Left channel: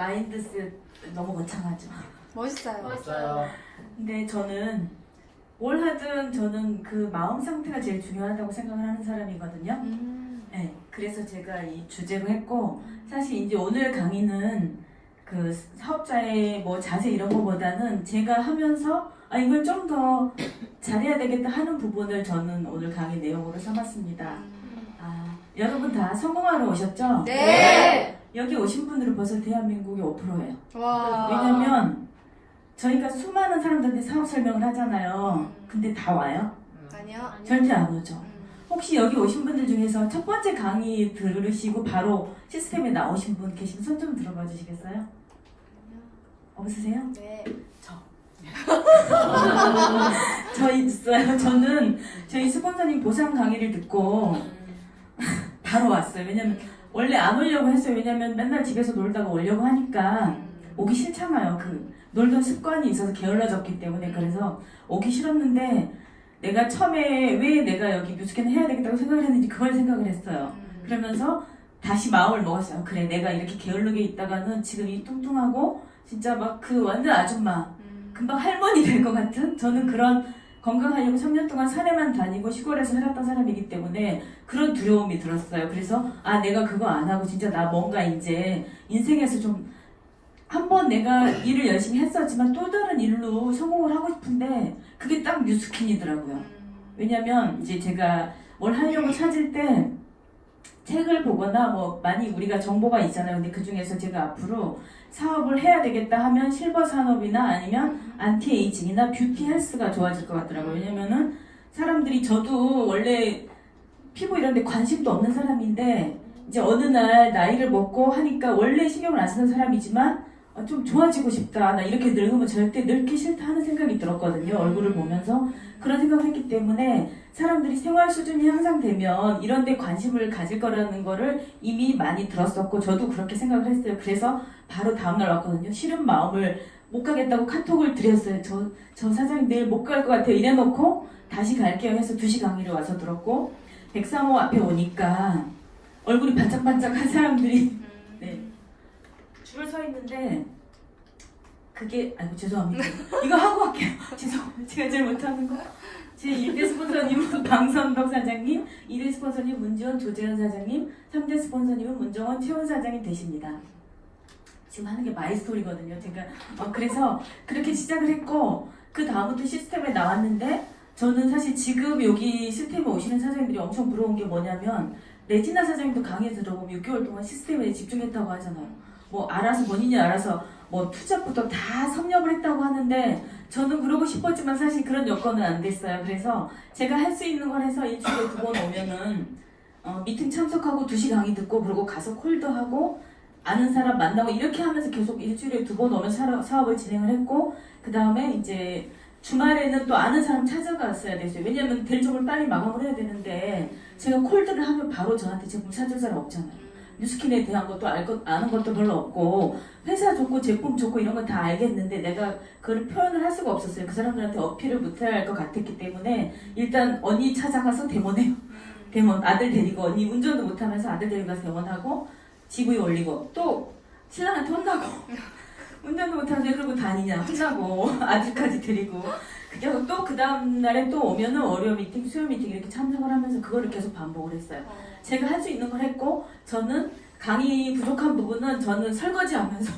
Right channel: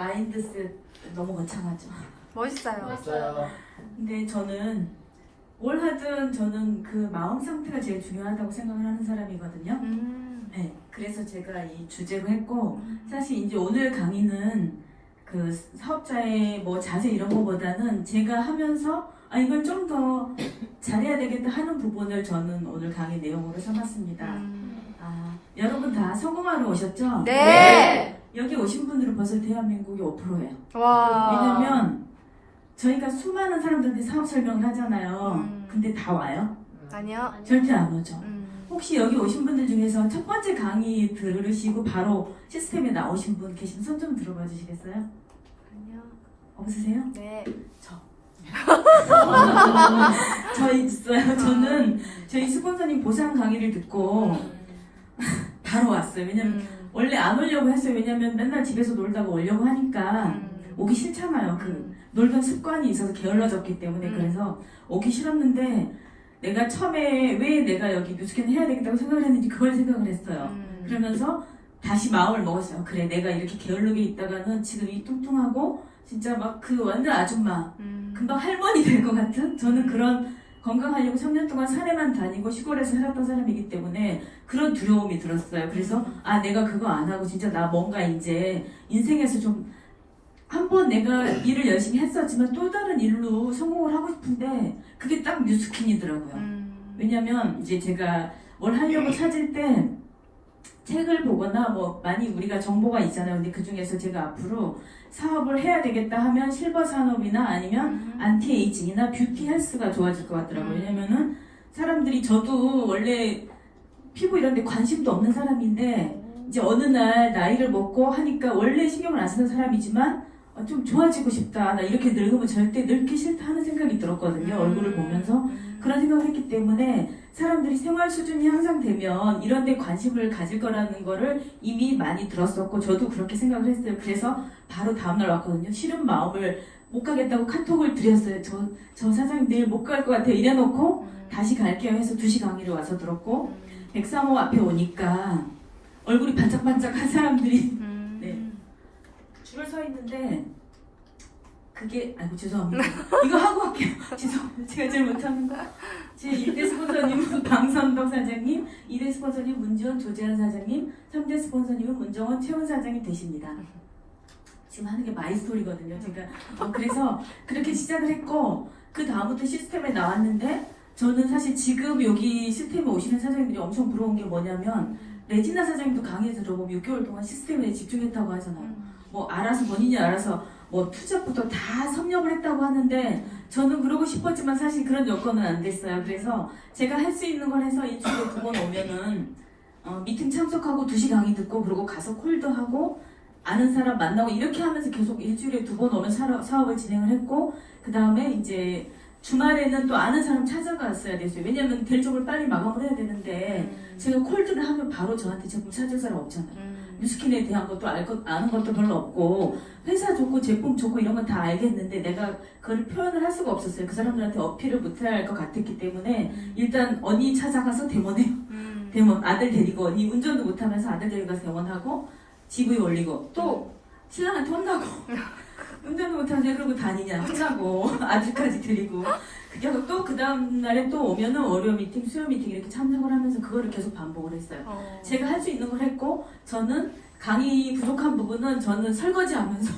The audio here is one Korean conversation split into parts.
마인드셋 너무 거창하죠. 멋있어요. 맞아요. 근데 저는 뭘 하든 저는 그 마음 상태가 제일 중요하다고 생각을 하는 사람이거든요. 네, 그래서 제가 이 주제로 했고 사실 이제 오늘 강의는 그 사업자의 뭐 자세 이런 거보다는 제가 하면서 이걸 좀 더 잘해야 되겠다 하는 부분을 저는 오늘 강의 내용으로 삼았습니다. 여러분 다 성공하러 오셨죠? 네. 여기 오신 분들은 벌써 대한민국이 5%예요. 와. 왜냐면 저희가 수많은 사람들한테 사업 설명을 하잖아요. 근데 다 와요? 아니요. 절대 안 오죠. 혹시 여기 오신 분들 중에서 첫 번째 강의 들으시고 바로 시스템에 나오신 분 계시면 손 좀 들어봐 주시겠어요? 아니요. 없으세요? 네. 저 있어요. 저는 저희 스폰서님 보상 강의를 듣고 바로 왔어요. 왜냐면 원래 안 오려고 했어요. 왜냐면 맨날 집에서 놀다가 오려고 하니까 오기 싫잖아요. 그 놀던 습관이 있어서 게을러졌기 때문에. 그래서 오기 싫었는데 내가 처음에 왜 내가 여기 뮤지컬을 해야 되겠다고 생각을 했는지 그걸 생각을 했어요. 그러면서 다시 마음을 먹었어요. 그래, 내가 이렇게 게을르게 있다가는 지금 이 뚱뚱하고 진짜 막 그 완전 아줌마 금방 할머니 될 것 같은, 저는 그런 건강하려고 3년 동안 산에만 다니고 시골에서 살았던 사람이기 때문에 그런 두려움이 들었어요. 그래서 내가 그거 안 하고 진짜 나 뭔가 이제 인생에서 좀 한 번 내가 일을 열심히 했었지만 또 다른 일로 성공을 하고 싶은데 그게 딱 뉴스킨이더라고요. 왜냐면 이제 제가 뭘 하려고 찾을 때 책을 보거나 뭐 많이 우리가 정보가 있잖아요. 근데 그 중에서 제가 앞으로 사업을 해야 되겠다 하면 실버 산업이나 아니면 안티에이징이나 뷰티 헬스가 좋아질 것 같더라고요. 왜냐면은 사람들이, 저도 원래 피부 이런 데 관심도 없는 사람인데 이제 어느 날 나이를 먹고 하니까 원래 신경을 안 쓰는 사람이지만 좀 좋아지고 싶다. 나 이렇게 늙으면 절대 늙기 싫다 하는 생각이 들었거든요. 얼굴을 보면서. 그런 생각을 했기 때문에 사람들이 생활 수준이 향상되면 이런 데 관심을 가질 거라는 거를 이미 많이 들었었고 저도 그렇게 생각을 했어요. 그래서 바로 다음날 왔거든요. 싫은 마음을 못 가겠다고 카톡을 드렸어요. 저 사장님 내일 못 갈 것 같아요. 이래놓고 다시 갈게요 해서 2시 강의를 와서 들었고, 백사모 앞에 오니까 얼굴이 반짝반짝한 사람들이 네, 줄을 서 있는데 그게, 죄송합니다. 이거 하고 할게요. 죄송합니다. 제가 제일 못하는 거. 제 1대 스폰서님은 방선덕 사장님, 2대 스폰서님 문지원 조재현 사장님, 3대 스폰서님은 문정원 최훈 사장이 되십니다. 지금 하는 게 마이스토리거든요. 제가 그래서 그렇게 시작을 했고 그 다음부터 시스템에 나왔는데, 저는 사실 지금 여기 시스템에 오시는 사장님들이 엄청 부러운 게 뭐냐면, 레지나 사장님도 강의 들어보면 6개월 동안 시스템에 집중했다고 하잖아요. 뭐 알아서 본인이 알아서 뭐 투자부터 다 섭렵을 했다고 하는데 저는 그러고 싶었지만 사실 그런 여건은 안 됐어요. 그래서 제가 할 수 있는 걸 해서 일주일에 2번 오면은 미팅 참석하고 2시 강의 듣고 그리고 가서 콜도 하고 아는 사람 만나고 이렇게 하면서 계속 일주일에 2번 오면 사업을 진행을 했고, 그 다음에 이제 주말에는 또 아는 사람 찾아갔어야 됐어요. 왜냐면 대리점을 빨리 마감을 해야 되는데 제가 콜드를 하면 바로 저한테 제품 찾을 사람 없잖아요. 뉴스킨에 대한 것도 아는 것도 별로 없고 회사 좋고 제품 좋고 이런 거 다 알겠는데 내가 그걸 표현을 할 수가 없었어요. 그 사람들한테 어필을 못해야 할 것 같았기 때문에 일단 언니 찾아가서 데모네요. 데모 아들 데리고, 언니 운전도 못하면서 아들 데리고 가서 데모하고 GV 올리고 또 신랑한테 혼나고 운전도 못하는데 그러고 다니냐 혼나고 아들까지 데리고, 그게 또 그 다음날에 또 오면은 월요 미팅, 수요 미팅 이렇게 참석을 하면서 그거를 계속 반복을 했어요. 제가 할 수 있는 걸 했고, 저는 강의 부족한 부분은 저는 설거지하면서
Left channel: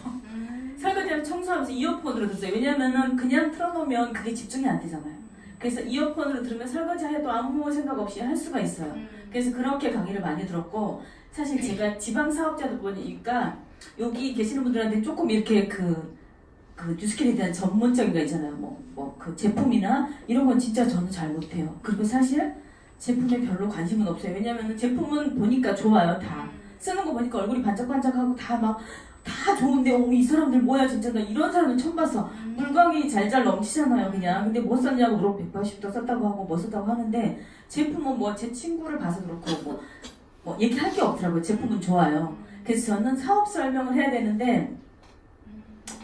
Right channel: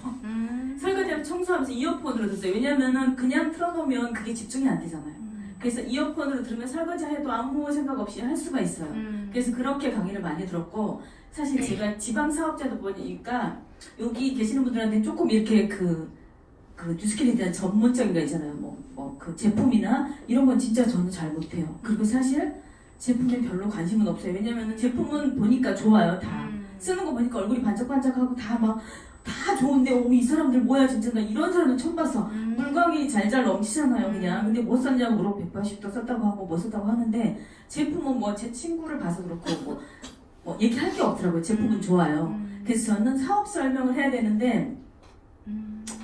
설거지하면서 청소하면서 이어폰으로 들었어요. 왜냐면은 그냥 틀어놓으면 그게 집중이 안 되잖아요. 그래서 이어폰으로 들으면 설거지 해도 아무 생각 없이 할 수가 있어요. 그래서 그렇게 강의를 많이 들었고, 사실 제가 지방 사업자다 보니까 여기 계시는 분들한테 조금 이렇게 그 뉴스킨에 대한 전문적인 거 있잖아요. 그 제품이나 이런 건 진짜 저는 잘 못해요. 그리고 사실 제품에 별로 관심은 없어요. 왜냐면은 제품은 보니까 좋아요. 다 쓰는 거 보니까 얼굴이 반짝반짝하고 다 좋은데 이 사람들 뭐야 진짜, 나 이런 사람들 처음 봤어. 물광이 잘잘 넘치잖아요 그냥. 근데 뭐 썼냐고 물어보고 180도 썼다고 하고 뭐 썼다고 하는데 제품은 뭐 제 친구를 봐서 그렇고 뭐 얘기할 게 없더라고요. 제품은 좋아요. 그래서 저는 사업 설명을 해야 되는데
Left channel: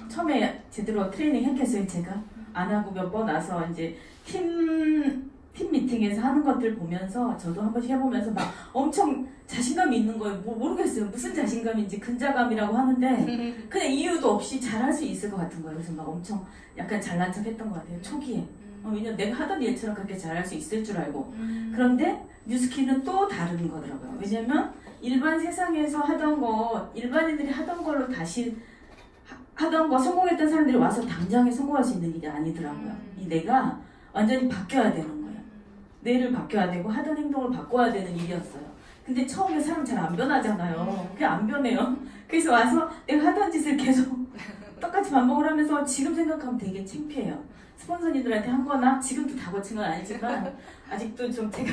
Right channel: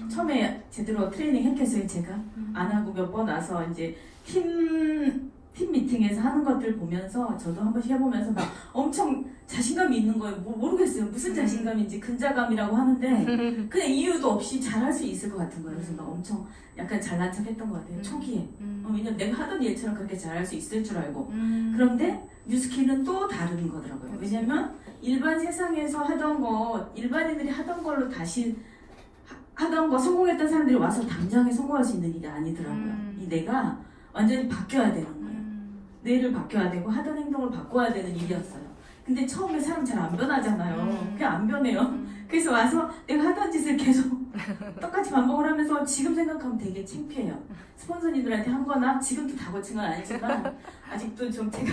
처음에 제대로 트레이닝 했겠어요. 제가 안 하고 몇 번 와서 이제 팀 팀 미팅에서 하는 것들 보면서 저도 한 번씩 해보면서 막 엄청 자신감이 있는 거예요. 모르겠어요. 무슨 자신감인지 근자감이라고 하는데 그냥 이유도 없이 잘할 수 있을 것 같은 거예요. 그래서 막 엄청 약간 잘난 척 했던 것 같아요. 초기에. 왜냐면 내가 하던 일처럼 그렇게 잘할 수 있을 줄 알고. 그런데 뉴스키는 또 다른 거더라고요. 왜냐면 일반 세상에서 하던 거, 일반인들이 하던 걸로 다시 하던 거 성공했던 사람들이 와서 당장에 성공할 수 있는 일이 아니더라고요. 이 내가 완전히 바뀌어야 되는 거예요. 뇌를 바뀌어야 되고 하던 행동을 바꿔야 되는 일이었어요. 근데 처음에 사람 잘 안 변하잖아요. 그게 안 변해요. 그래서 와서 내가 하던 짓을 계속 똑같이 반복을 하면서 지금 생각하면 되게 창피해요. 스폰서님들한테 한 거나 지금도 다 거친 건 아니지만 아직도 좀 제가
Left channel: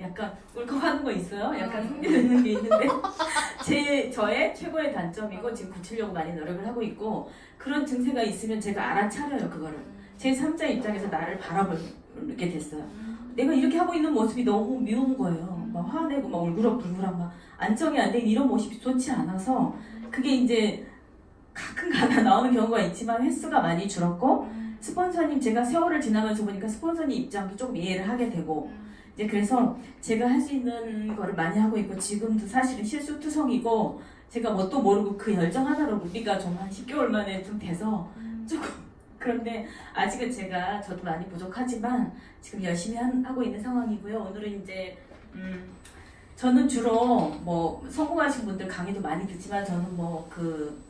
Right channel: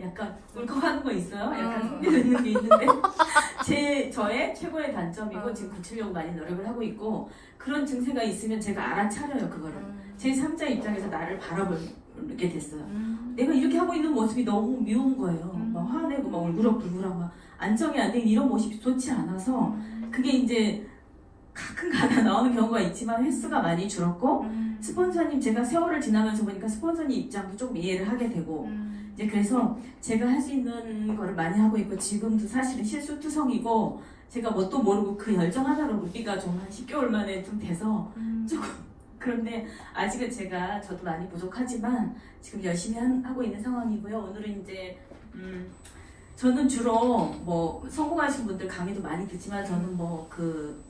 약간 울컥하는 거 있어요? 약간 흥미있는 게 있는데 저의 최고의 단점이고 지금 고치려고 많이 노력을 하고 있고 그런 증세가 있으면 제가 알아차려요 그거를. 제 3자 입장에서 나를 바라보게 됐어요. 내가 이렇게 하고 있는 모습이 너무 미운 거예요. 막 화내고 막 울그락불그락 막 안정이 안 되는 이런 모습이 좋지 않아서 그게 이제 가끔 가다 나오는 경우가 있지만 횟수가 많이 줄었고 스폰서님 제가 세월을 지나면서 보니까 스폰서님 입장도 좀 이해를 하게 되고 이제 그래서 제가 할 수 있는 거를 많이 하고 있고 지금도 사실은 실수투성이고 제가 뭣도 모르고 그 열정 하나로 루비가 좀 한 10개월 만에 좀 돼서 조금 그런데 아직은 저도 많이 부족하지만 지금 열심히 하고 있는 상황이고요. 오늘은 이제 저는 주로 뭐 성공하신 분들 강의도 많이 듣지만 저는 뭐 그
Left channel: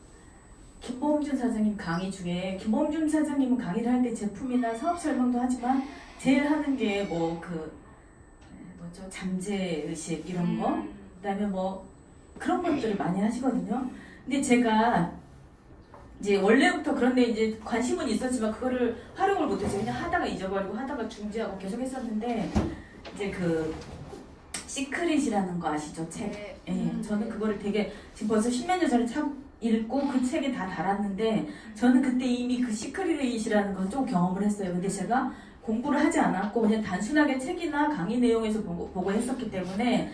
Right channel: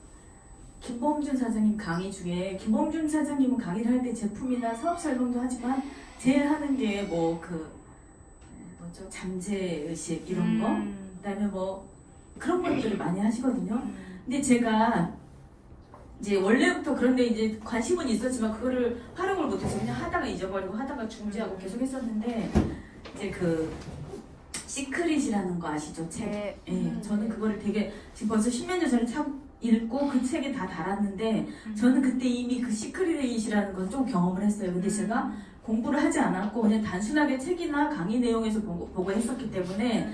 김범준 사장님 강의 중에 김범준 사장님은 강의를 할 때 제품이나 사업 설명도 하지만 제일 하는 게 뭐 그 뭐죠 잠재 의식 이런 거 그다음에 뭐 그런 것들을 많이 하시거든요. 근데 제가 이제 원래부터 그런데 이제 관심은 있었지만 그거를 활용을 못했어요. 그냥 하다가 잊어버리고 하다가 중지하고 계속 했었는데 이제 그 시크릿이라는 거 아시죠? 책. 네. 예, 저는 그거를 되게 지금 벌써 10몇 년 전에 읽고 그 책에 다 달았는데 저는 그때 이미 그 시크릿이라는 걸 좀 경험을 했어요. 근데 제가 공부를 하지 않았고 그냥 단순하게 책이나 강의 내용에서 보고 했었기 때문에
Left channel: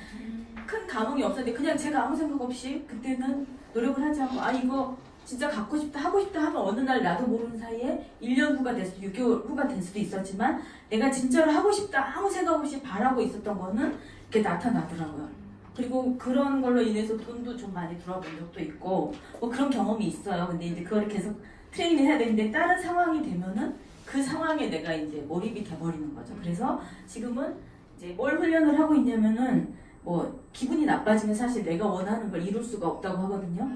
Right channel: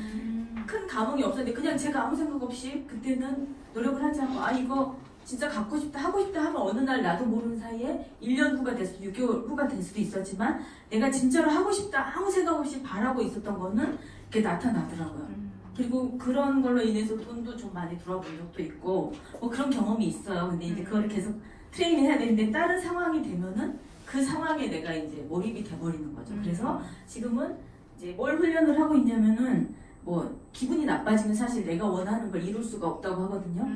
큰 감흥이 없었는데 그냥 제가 아무 생각 없이 그때는 노력을 하지 않고 아 이거 진짜 갖고 싶다 하고 싶다 하면 어느 날 나도 모르는 사이에 1년 후가 될 수도 6개월 후가 될 수도 있었지만 내가 진짜로 하고 싶다 아무 생각 없이 바라고 있었던 거는 이렇게 나타나더라고요. 그리고 그런 걸로 인해서 돈도 좀 많이 들어본 적도 있고 뭐 그런 경험이 있어요. 근데 이제 그걸 계속 트레이닝 해야 되는데 다른 상황이 되면은 그 상황에 내가 이제 몰입이 돼버리는 거죠. 그래서 지금은 이제 뭘 훈련을 하고 있냐면은 뭐 기분이 나빠지면 사실 내가 원하는 걸 이룰 수가 없다고 하거든요.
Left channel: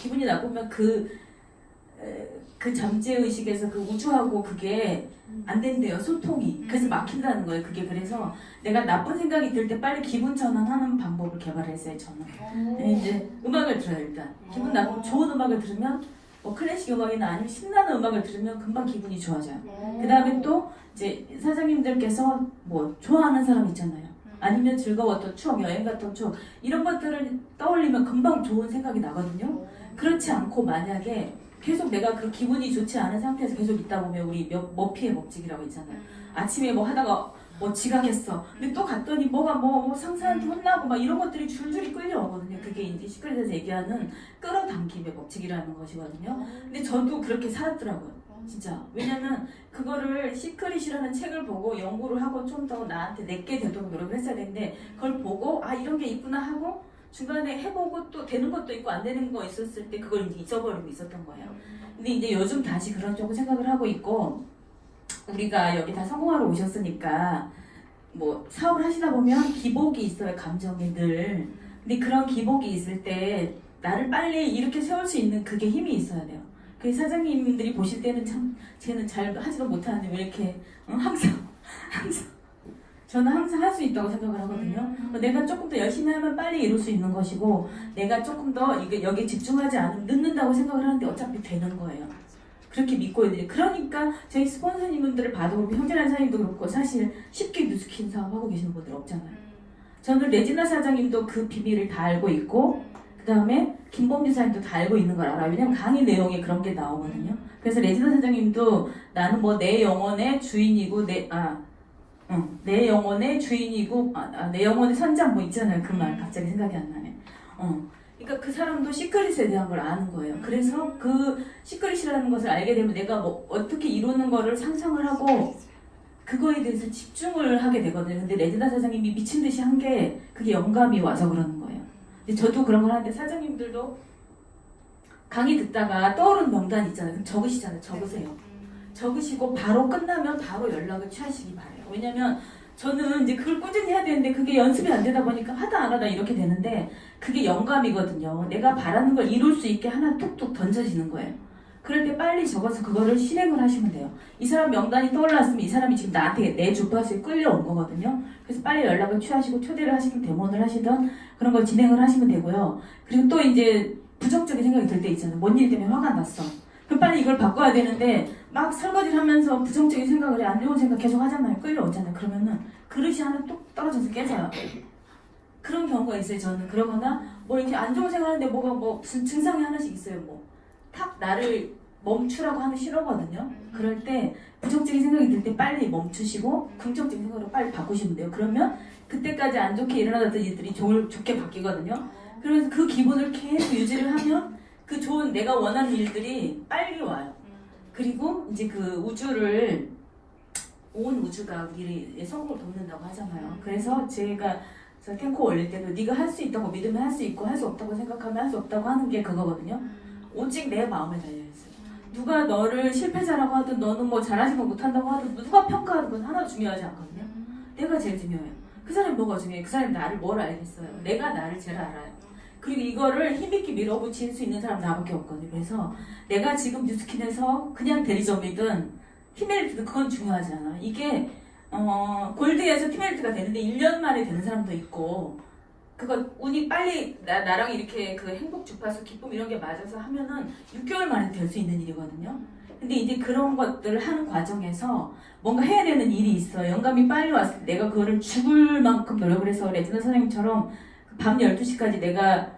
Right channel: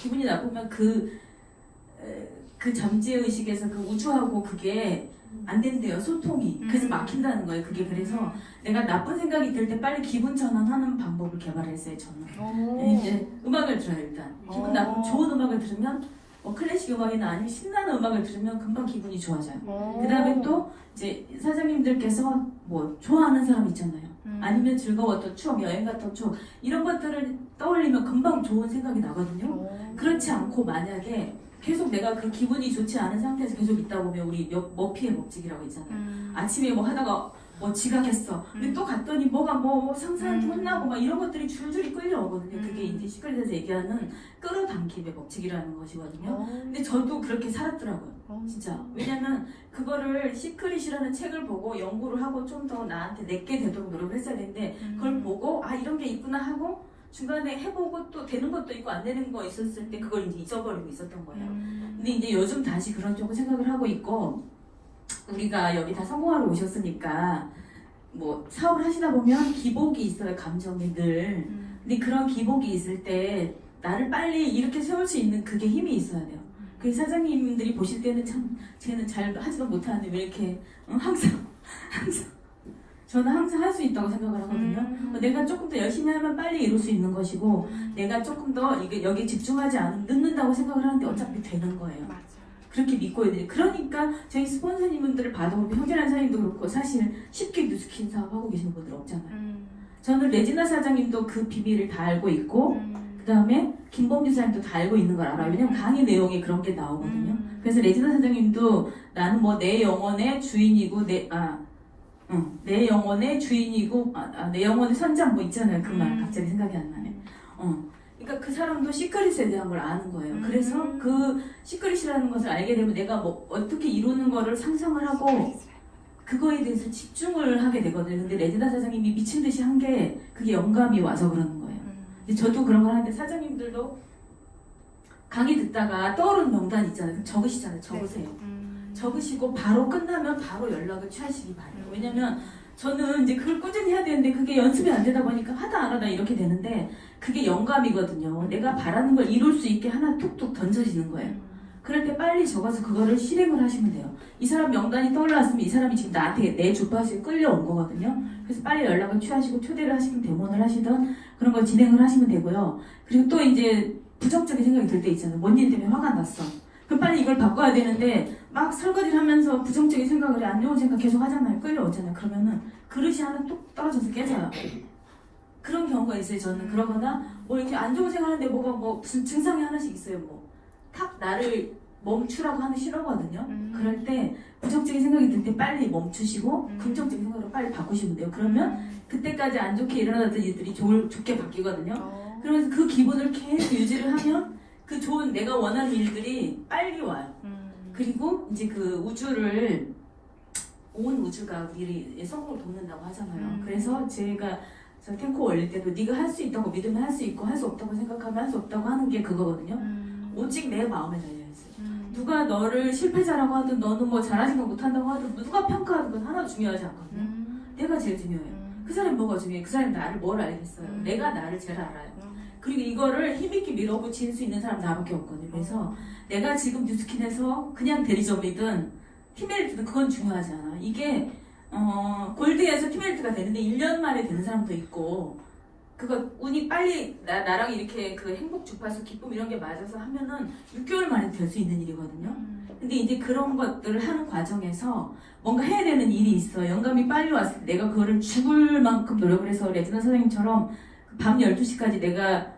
기분이 나쁘면 그 잠재의식에서 그 우주하고 그게 안 된대요. 소통이. 그래서 막힌다는 거예요. 그게 그래서 내가 나쁜 생각이 들 때 빨리 기분 전환하는 방법을 개발했어요. 저는. 네, 이제 음악을 들어요. 일단 기분 나쁘면 좋은 음악을 들으면 뭐 클래식 음악이나 아니면 신나는 음악을 들으면 금방 기분이 좋아져요. 그 다음에 또 이제 사장님들께서 뭐 좋아하는 사람 있잖아요. 아니면 즐거웠던 추억, 여행 갔던 추억 이런 것들을 떠올리면 금방 좋은 생각이 나거든요. 그렇지 않고 만약에 계속 내가 그 기분이 좋지 않은 상태에서 계속 있다 보면 우리 머피의 법칙이라고 있잖아요. 아침에 뭐 하다가 뭐 지각했어. 근데 또 갔더니 뭐가 뭐 상사한테 혼나고 막 이런 것들이 줄줄이 끌려오거든요. 그게 이제 시크릿에서 얘기하는 끌어당김의 법칙이라는 것이거든요. 근데 저도 그렇게 살았더라고요. 진짜. 왜냐면 그거를 시크릿이라는 책을 보고 연구를 하고 좀 더 나한테 내게 되도록 노력을 했어야 되는데 그걸 보고 아 이런 게 있구나 하고 중간에 해보고 또 되는 것도 있고 안 되는 거 있었을 때 그걸 이제 잊어버리고 있었던 거예요. 근데 이제 요즘 다시 그런 쪽으로 생각을 하고 있고 우리가 여기 다 성공하러 오셨으니까 뭐 사업을 하시다 보면 기복이 있어요. 감정에 늘. 근데 그런 기복이 있을 때 나를 빨리 이렇게 세울 수 있는 그게 힘이 있어야 돼요. 그 사장님들이 보실 때는 참 쟤는 잘 하지도 못하는데 왜 이렇게 항상 저는 항상 할 수 있다고 생각을 하거든요. 내가 조금 더 열심히 하면 빨리 이룰 수 있는 것이고 내가 조금 더 이게 여기 집중하지 않으면 늦는다고 생각을 하는데 어차피 되는 거예요. 그렇게 믿고 있는데 그러니까 저희 스폰서님들을 봐도 그렇고 현진환 사장님도 그렇고 사실 쉽게 뉴스킨 사업하고 계시는 분들 없잖아요. 저는 레지나 사장님도 그 비밀을 다 알고 있고 그 다음에 김범준 사장님도 다 알고 있는 걸 알아요. 왜냐면 강의 내용에 그런 게 나오거든요. 그래서 레지나 사장님도 나는 뭐 내 영혼의 주인이고 내 영혼의 주인이고 내 영혼의 선장 뭐 있잖아요. 그 말 갑자기 생각이 안 나네. 그러니까 그 사람도 시크릿에 대한 걸 아는 거예요. 그래서 그 시크릿이라는 것을 알게 되면 내가 뭐 어떻게 이루는 거를 상상을 하고 그거에 대해서 집중을 하게 되거든요. 근데 레지나 사장님이 미친 듯이 한 게 그게 영감이 와서 그러는 거예요. 근데 저도 그런 걸 하는데 사장님들도 강의 듣다가 떠오르는 명단 있잖아요. 적으시잖아요. 적으세요. 적으시고 바로 끝나면 바로 연락을 취하시기 바래요. 왜냐면 저는 이제 그걸 꾸준히 해야 되는데 그게 연습이 안 되다 보니까 하다 안 하다 이렇게 되는데 그게 영감이거든요. 내가 바라는 걸 이룰 수 있게 하나 툭툭 던져지는 거예요. 그럴 때 빨리 적어서 그거를 실행을 하시면 돼요. 이 사람 명단이 떠올랐으면 이 사람이 지금 나한테 내 주파수에 끌려온 거거든요. 그래서 빨리 연락을 취하시고 초대를 하시든 데모를 하시든 그런 걸 진행을 하시면 되고요. 그리고 또 이제 부정적인 생각이 들 때 있잖아요. 뭔 일 때문에 화가 났어. 그럼 빨리 이걸 바꿔야 되는데 막 설거지를 하면서 부정적인 생각을 해. 안 좋은 생각 계속 하잖아요. 끌려오잖아요. 그러면은 그릇이 하나 뚝 떨어져서 깨져요. 그런 경우가 있어요. 저는 그러거나 뭐 이렇게 안 좋은 생각하는데 뭐가 뭐 무슨 증상이 하나씩 있어요. 뭐 탁 나를 멈추라고 하면 싫어거든요. 그럴 때 부정적인 생각이 들 때 빨리 멈추시고 긍정적인 생각으로 빨리 바꾸시면 돼요. 그러면 그때까지 안 좋게 일어나던 일들이 좋게 바뀌거든요. 그러면서 그 기분을 계속 유지를 하면 그 좋은 내가 원하는 일들이 빨리 와요. 그리고 이제 그 우주를 온 우주가 우리의 성공을 돕는다고 하잖아요. 그래서 제가 저 탱코 올릴 때는 네가 할 수 있다고 믿으면 할 수 있고 할 수 없다고 생각하면 할 수 없다고 하는 게 그거거든요. 오직 내 마음에 달려있어요. 누가 너를 실패자라고 하든 너는 뭐 잘하지 못한다고 하든 누가 평가하는 건 하나도 중요하지 않거든요. 내가 제일 중요해요. 그 사람이 뭐가 중요해요? 그 사람이 나를 뭘 알겠어요? 내가 나를 제일 알아요. 그리고 이거를 힘있게 밀어붙일 수 있는 사람 나밖에 없거든요. 그래서 내가 지금 뉴스킨에서 그냥 대리점이든 티메리트든 그건 중요하지 않아. 이게 골드에서 티메리트가 되는데 1년 만에 되는 사람도 있고 그거 운이 빨리 나랑 이렇게 그 행복 주파수 기쁨 이런 게 맞아서 하면은 6개월 만에 될 수 있는 일이거든요. 근데 이제 그런 것들을 하는 과정에서 뭔가 해야 되는 일이 있어. 영감이 빨리 왔을 때 내가 그거를 죽을 만큼 노력을 해서 레지나 선생님처럼 밤 12시까지 내가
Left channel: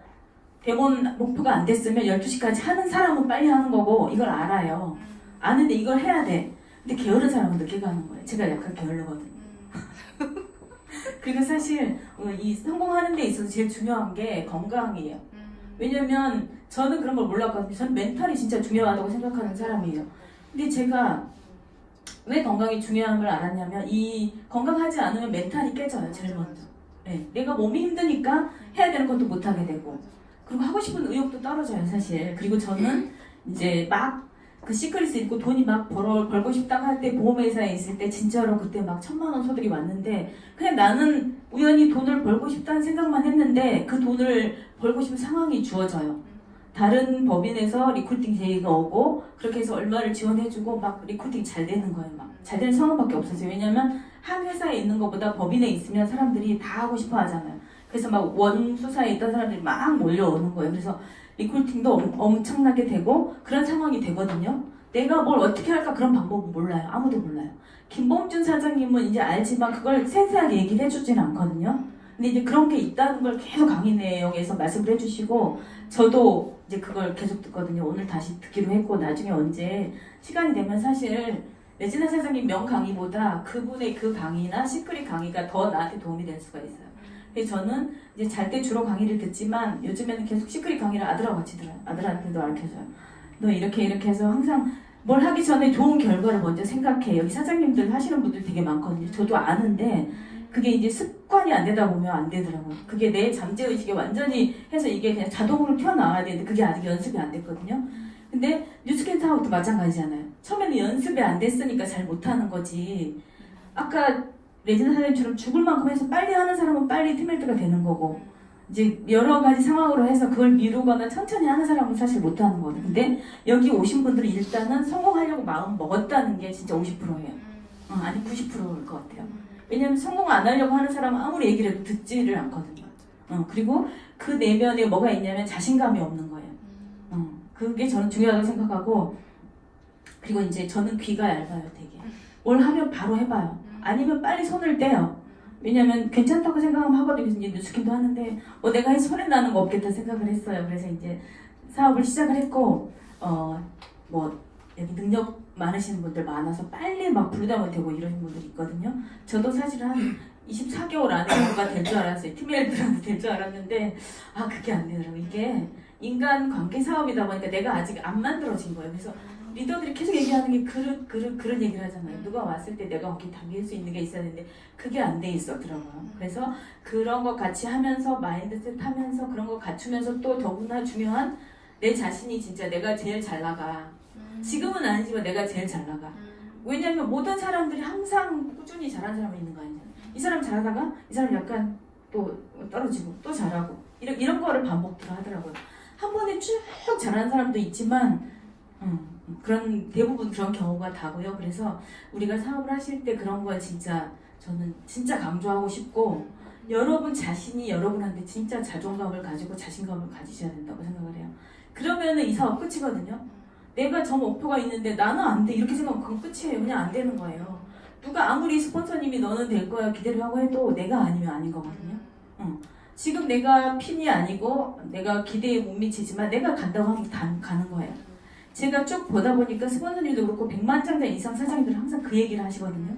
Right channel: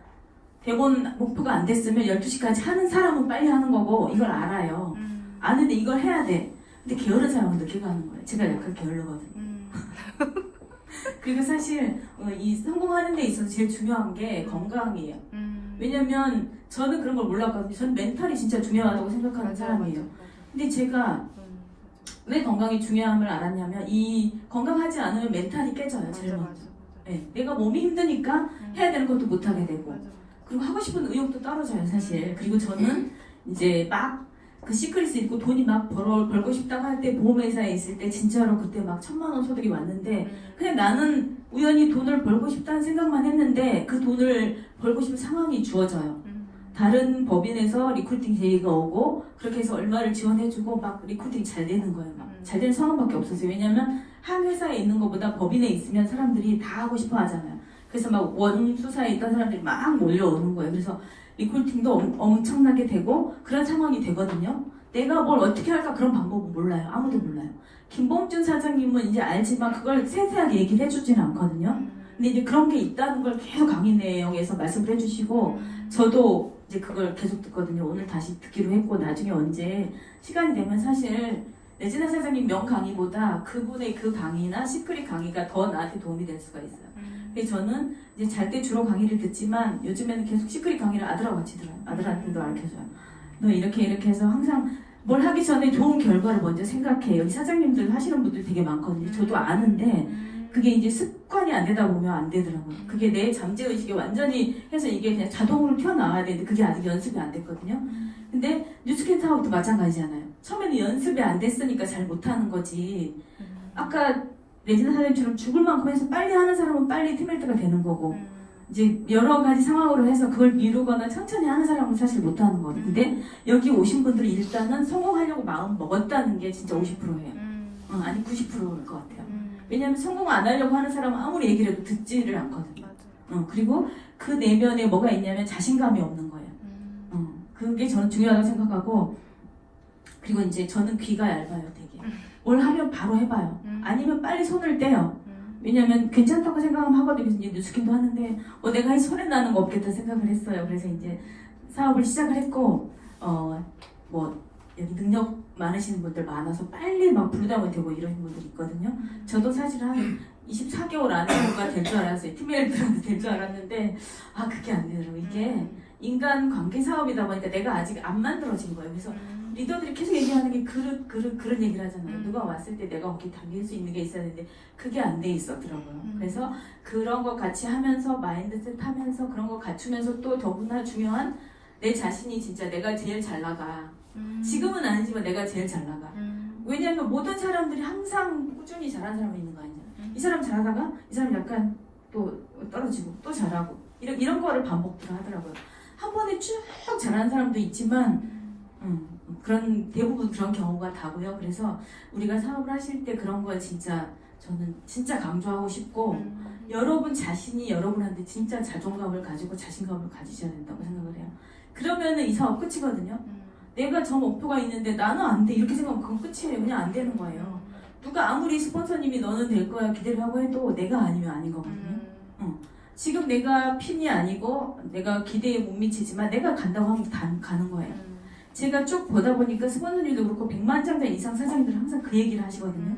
대본 목표가 안 됐으면 12시까지 하는 사람은 빨리 하는 거고 이걸 알아요. 아는데 이걸 해야 돼. 근데 게으른 사람은 늦게 가는 거예요. 제가 약간 게을르거든요. 그리고 사실 이 성공하는 데 있어서 제일 중요한 게 건강이에요. 왜냐면 저는 그런 걸 몰랐거든요. 저는 멘탈이 진짜 중요하다고 생각하는 사람이에요. 근데 제가 왜 건강이 중요함을 알았냐면 이 건강하지 않으면 멘탈이 깨져요. 제일 먼저. 네, 내가 몸이 힘드니까 해야 되는 것도 못하게 되고 그리고 하고 싶은 의욕도 떨어져요 사실. 그리고 저는 이제 막 그 시크릿을 입고 돈이 막 벌고 싶다고 할 때 보험회사에 있을 때 진짜로 그때 막 1,000만 원 소득이 왔는데 그냥 나는 우연히 돈을 벌고 싶다는 생각만 했는데 그 돈을 벌고 싶은 상황이 주어져요. 다른 법인에서 리크루팅 제의가 오고 그렇게 해서 얼마를 지원해주고 막 리크루팅 잘 되는 거예요. 막 잘 되는 상황밖에 없었어요. 왜냐면 한 회사에 있는 것보다 법인에 있으면 사람들이 다 하고 싶어 하잖아요. 그래서 막 원수사에 있던 사람들이 막 몰려오는 거예요. 그래서 리크루팅도 엄청나게 되고 그런 상황이 되거든요. 내가 뭘 어떻게 할까 그런 방법은 몰라요. 아무도 몰라요. 김봉준 사장님은 이제 알지만 그걸 세세하게 얘기를 해주지는 않거든요. 근데 이제 그런 게 있다는 걸 계속 강의 내용에서 말씀을 해주시고 저도 이제 그걸 계속 듣거든요. 오늘 다시 듣기로 했고 나중에 언제 시간이 되면 사실 레지나 사장님 명 강의보다 그분의 그 강의나 시크릿 강의가 더 나한테 도움이 될 수가 있어요. 그래서 저는 이제 잘 때 주로 강의를 듣지만 요즘에는 계속 시크릿 강의를 아들하고 같이 들어요. 아들한테도 가르쳐줘요. 너 이렇게 해서 항상 뭘 하기 전에 좋은 결과를 먼저 생각해. 여기 사장님들 하시는 분들 되게 많거든요. 저도 아는데 그게 이제 습관이 안 되다 보면 안 되더라고요. 그게 내 잠재의식에 완전히 해서 이게 그냥 자동으로 튀어나와야 되는데 그게 아직 연습이 안 됐거든요. 근데 뉴스캔 사업도 마찬가지잖아요. 처음에는 연습이 안 됐으니까 잘 못하는 거지. 아까 레지나 사장님처럼 죽을 만큼 해서 빨리 하는 사람은 빨리 티멜트가 되는 거고 이제 여러 가지 상황으로 해서 그걸 미루거나 천천히 하는 사람은 사실 못하는 거거든요. 근데 여기 오신 분들은 일단은 성공하려고 마음 먹었다는 게 진짜 50%예요. 아니 90%일 것 같아요. 왜냐면 성공 안 하려고 하는 사람은 아무리 얘기를 해도 듣지를 않거든요. 그리고 그 내면에 뭐가 있냐면 자신감이 없는 거예요. 그게 저는 중요하다고 생각하고 그리고 이제 저는 귀가 얇아요 되게. 뭘 하면 바로 해봐요. 아니면 빨리 손을 떼요. 왜냐면 괜찮다고 생각하면 하거든요. 그래서 이제 뉴스킨도 하는데 내가 해서 손에 나는 거 없겠다 생각을 했어요. 그래서 이제 사업을 시작을 했고 뭐 여기 능력 많으시는 분들 많아서 빨리 막 부르다면 되고 이러는 분들 있거든요. 저도 사실 한 24개월 안에 뭔가 될 줄 알았어요. 팀메이트라도 될 줄 알았는데 그게 안 되더라고요. 이게 인간 관계 사업이다 보니까 내가 아직 안 만들어진 거예요. 그래서 리더들이 계속 얘기하는 게 그런 얘기를 하잖아요. 음. 누가 왔을 때 내가 어깨 당길 수 있는 게 있어야 되는데 그게 안 돼 있었더라고요. 그래서 그런 거 같이 하면서 마인드셋 하면서 그런 거 갖추면서 또 더구나 중요한 내 자신이 진짜 내가 제일 잘 나가. 지금은 아니지만 내가 제일 잘 나가. 왜냐면 모든 사람들이 항상 꾸준히 잘하는 사람이 있는 거 아니야. 이 사람 잘하다가 이 사람 약간 또 떨어지고 또 잘하고 이런 거를 반복들을 하더라고요. 한 번에 쭉 잘하는 사람도 있지만 그런 대부분 그런 경우가 다고요. 그래서 우리가 사업을 하실 때 그런 거 진짜 저는 진짜 강조하고 싶고 여러분 자신이 여러분한테 진짜 자존감을 가지고 자신감을 가지셔야 된다고 생각을 해요. 그러면은 이 사업 끝이거든요. 내가 저 목표가 있는데 나는 안 돼 이렇게 생각하면 그건 끝이에요. 그냥 안 되는 거예요. 누가 아무리 스폰서님이 너는 될 거야 기대를 하고 해도 내가 아니면 아닌 거거든요. 지금 내가 핀이 아니고 내가 기대에 못 미치지만 내가 간다고 하면 가는 거예요. 제가 쭉 보다 보니까 스폰서님도 그렇고 100만 장단 이상 사장님들은 항상 그 얘기를 하시거든요.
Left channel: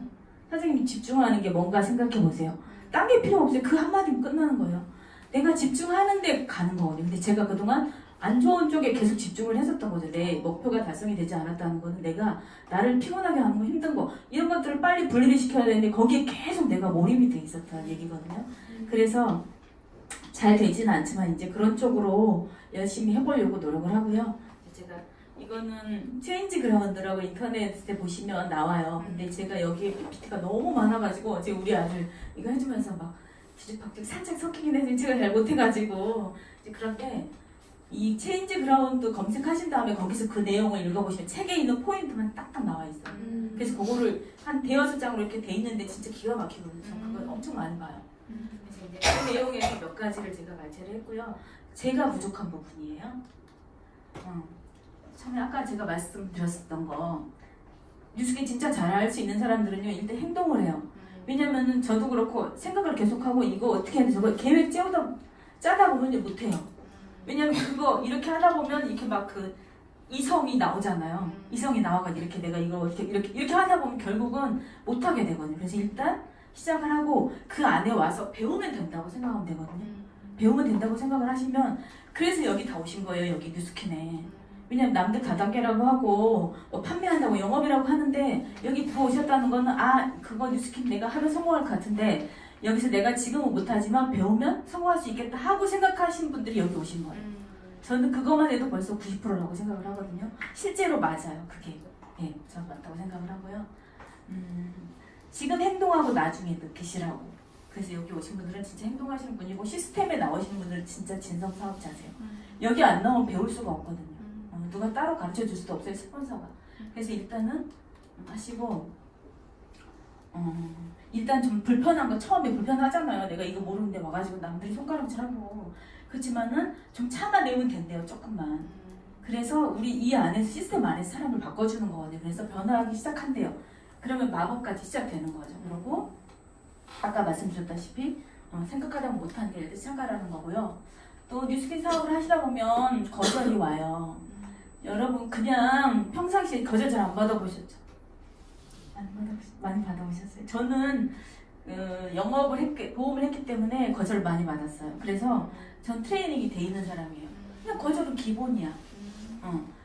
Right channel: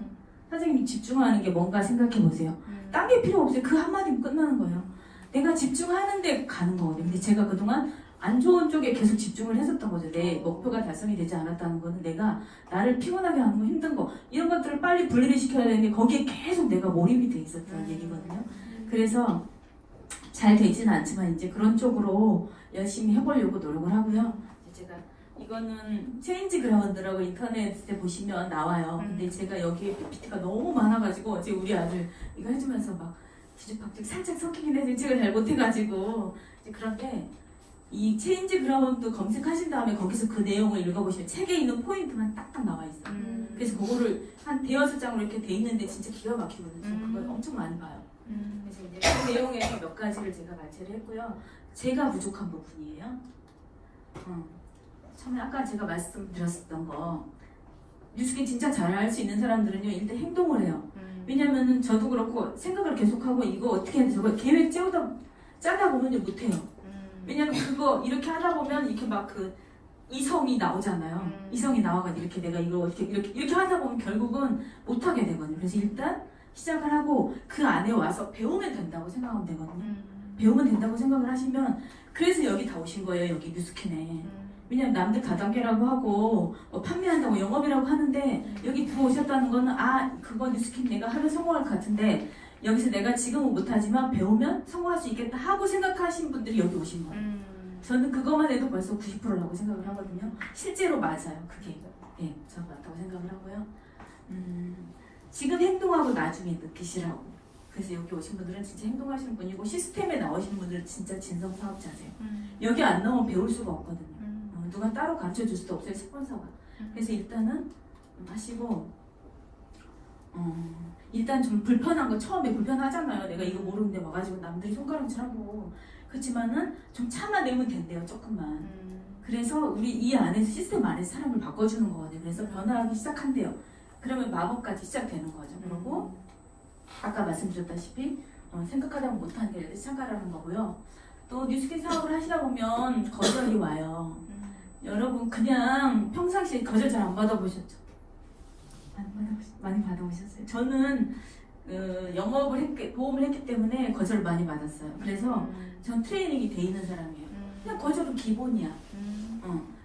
사장님이 집중하는 게 뭔가 생각해 보세요. 딴 게 필요 없어요. 그 한마디면 끝나는 거예요. 내가 집중하는데 가는 거거든요. 근데 제가 그동안 안 좋은 쪽에 계속 집중을 했었던 거죠. 내 목표가 달성이 되지 않았다는 거는 내가 나를 피곤하게 하는 거 힘든 거 이런 것들을 빨리 분리를 시켜야 되는데 거기에 계속 내가 몰입이 돼 있었다는 얘기거든요. 그래서 잘 되지는 않지만 이제 그런 쪽으로 열심히 해보려고 노력을 하고요. 제가 이거는 체인지 그라운드라고 인터넷에 보시면 나와요. 근데 제가 여기에 PPT가 너무 많아가지고 제가 우리 아들 이거 해주면서 막 뒤죽박죽 살짝 섞이긴 해서 제가 잘 못해가지고 그런데 이 체인지 그라운드 검색하신 다음에 거기서 그 내용을 읽어보시면 책에 있는 포인트만 딱딱 나와 있어요. 그래서 그거를 한 대여섯 장으로 이렇게 돼 있는데 진짜 기가 막히거든요. 그걸 엄청 많이 봐요. 그래서 이제 그 내용에 몇 가지를 제가 발췌를 했고요. 제가 부족한 부분이에요. 처음에 아까 제가 말씀드렸었던 거 뉴스게 진짜 잘할 수 있는 사람들은요 일단 행동을 해요. 왜냐면은 저도 그렇고 생각을 계속하고 이거 어떻게 해야 돼 저거 계획 짜다 보면 못해요. 왜냐면 그거 이렇게 하다 보면 이렇게 막 그 이성이 나오잖아요. 이성이 나와가지고 이렇게 내가 이거 어떻게 이렇게 하다 보면 결국은 못하게 되거든요. 그래서 일단 시작을 하고 그 안에 와서 배우면 된다고 생각하면 되거든요. 배우면 된다고 생각을 하시면 그래서 여기 다 오신 거예요. 여기 뉴스캔에. 왜냐면 남들 다단계라고 하고 뭐 판매한다고 영업이라고 하는데 여기 부어오셨다는 거는 아 그거 뉴스캔 내가 하면 성공할 것 같은데 여기서 내가 지금은 못하지만 배우면 성공할 수 있겠다 하고 생각하신 분들이 여기 오신 거예요. 저는 그것만 해도 벌써 90%라고 생각을 하거든요. 실제로 맞아요. 그게 네, 저는 맞다고 생각을 하고요. 지금 행동하고 나중에 느끼시라고. 그래서 여기 오신 분들은 진짜 행동하시는 분이고 시스템에 나오시는 분들은 진짜 진성 사업자세요. 여기 안 나오면 배울 수가 없거든요. 누가 따로 가르쳐 줄 수도 없어요. 스폰서가. 그래서 일단은 하시고 일단 좀 불편한 거 처음에 불편하잖아요. 내가 이거 모르는데 와가지고 남들이 손가락질하고 그렇지만은 좀 참아내면 된대요. 조금만. 그래서 우리 이 안에서 시스템 안에서 사람을 바꿔주는 거거든요. 그래서 변화하기 시작한대요. 그러면 마법까지 시작되는 거죠. 그리고 아까 말씀드렸다시피 생각하다 보면 못하는 게 시작하라는 거고요. 또 뉴스킨 사업을 하시다 보면 거절이 와요. 여러분 그냥 평상시에 거절 잘 안 받아보셨죠? 많이 받아오셨어요. 저는 도움을 했기 때문에 거절을 많이 받았어요. 그래서 전 트레이닝이 돼 있는 사람이에요. 그냥 거절은 기본이야.